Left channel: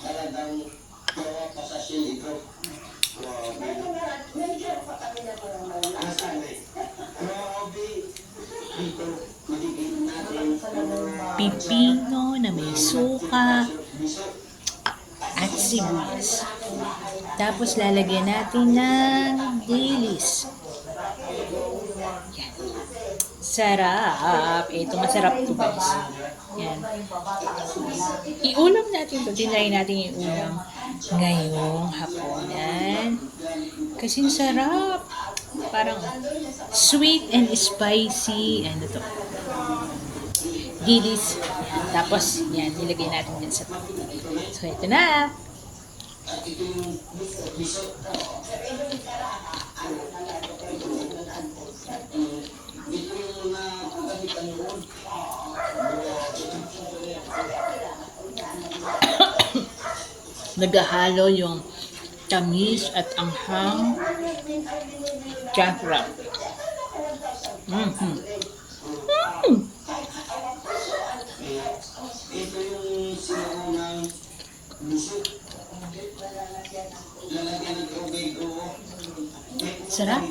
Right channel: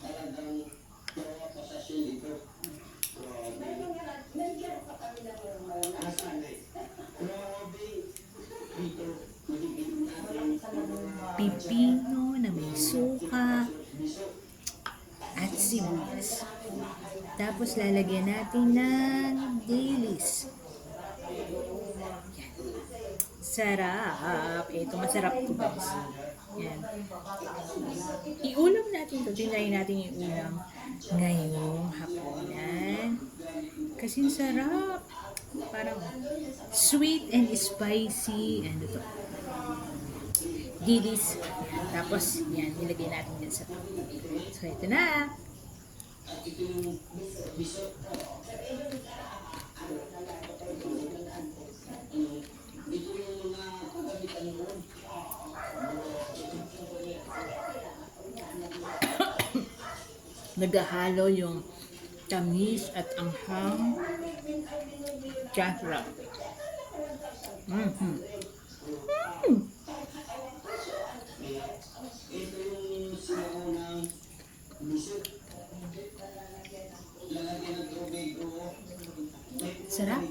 Talagang pasasyon ito. Nasaan eh? Grabe. Dito, magiging natin Pipino na may suka at sibuyas. Tapos lalagyan natin ng dilis. Yan. Sarap. Ito masarap to guys. Yan. Iulam natin to. Tinry natin iulam ngayong hapunan. Kasi sarap. Parang sweet and spicy. Ano to? Dilis. Tapos, yan, nilagay natin yan sa top. So, ito na. Naghahalo yung tamis at anghang. Sarap. Mm-hmm. ito yung sinunang busog. Lalagyan ng tubig o Sarap.